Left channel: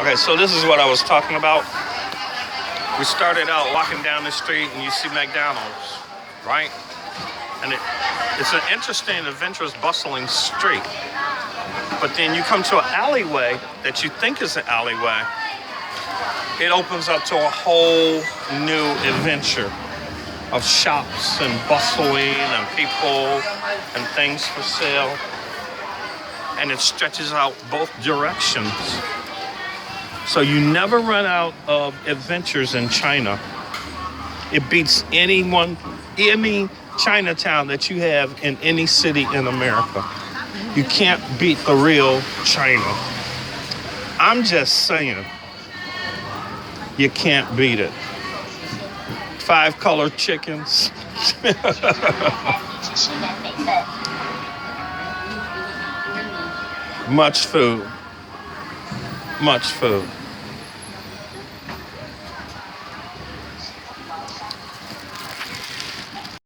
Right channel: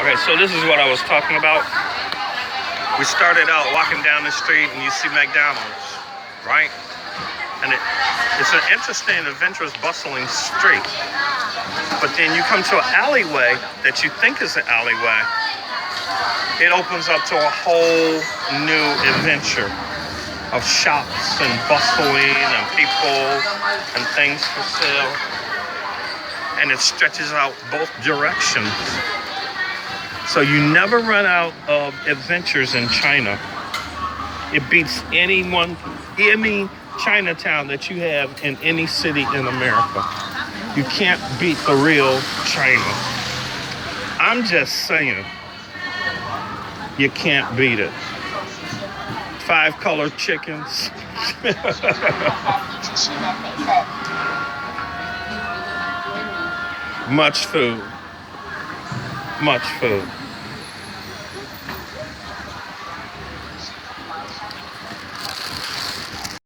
Okay, so this is what I was talking about. We started out walking down the street and you see McDonald's, right? And it's an interesting, adventurous, bustling street. But then you come to an alleyway that you think is an alleyway. It opens up to a whole new adventure of shops and bustling and people and things for sale. And it stretches out both directions. So you never run out of adventures in China. It beats any Chinatown that you have in any city in America. You can't beat the real China. I'm just saying, you can't beat it. 5-color chickens. Much food. Much food.